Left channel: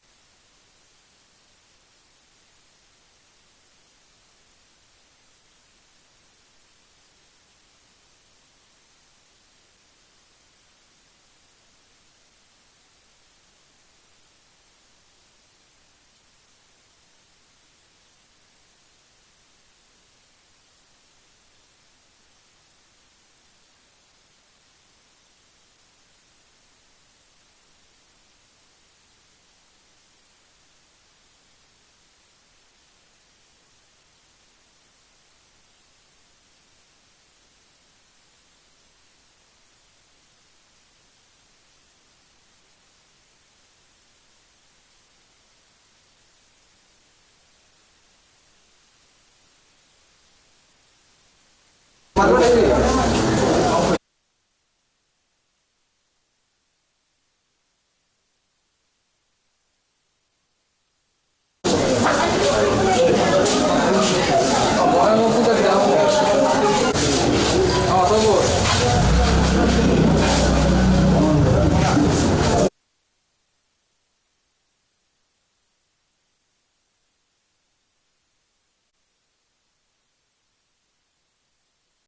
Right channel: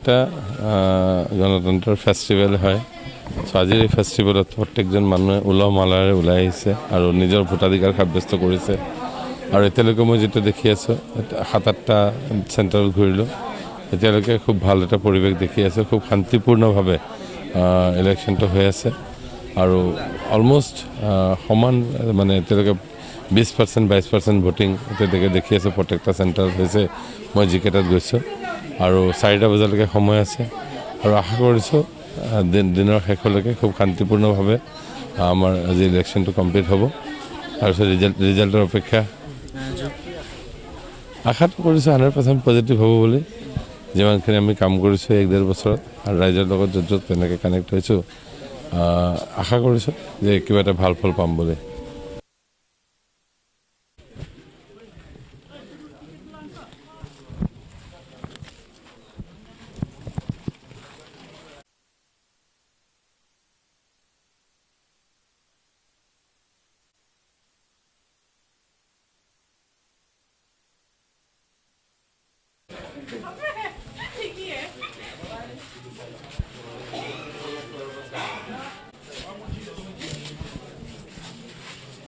একটা গণতন্ত্ৰৰ ফেষ্টিভেল হয়। চ' আজিৰ এই ফেষ্টিভেলত প্ৰত্যেকজন মানুহে উলহ মালহেৰে ওলাই আহিছে আৰু নিজৰ ভোটাধিকাৰ সাব্যস্ত কৰিছে। আৰু এতিয়ালৈকে মই যিটো দেখি আছোঁ 7-8টা চেণ্টাৰত ঘূৰিলোঁ, এতিয়ালৈকে খুব ভাল এটা পৰিৱেশ দেখি আছোঁ। খুব শান্তিপূৰ্ণভাৱে ইলেকশ্যনটো হৈ আছে আৰু অলমষ্ট সমান, মানে এতিয়ালৈকে 20% 22% ভোটিং এতিয়ালৈকে দেখি আছোঁ প্ৰত্যেকটা চেণ্টাৰত হৈছে। মই যিকেইটাত গৈছোঁ আৰু 4টা বজালৈকে সময় আছে আৰু আশা কৰিছোঁ দিনৰ শেষলৈকে খুব শান্তিপূৰ্ণভাৱে আমাৰ আজি ইলেকশ্যনটো কমপ্লিট হ'ব। তাৰপিছত ৰিজাল্টৰ অপেক্ষা। আশাটো কৰিছোঁ 100% পজিটিভ হ'ব বুলি। যিমানখিনি আমি কাম কৰিছোঁ 1-1.5 বছৰত আৰু ৰাইজৰ লগত য'ত তেনেকৈ কানেক্ট হৈছোঁ, আশা কৰিছোঁ যে কিবা এটা ভাল ফল পাম বুলি।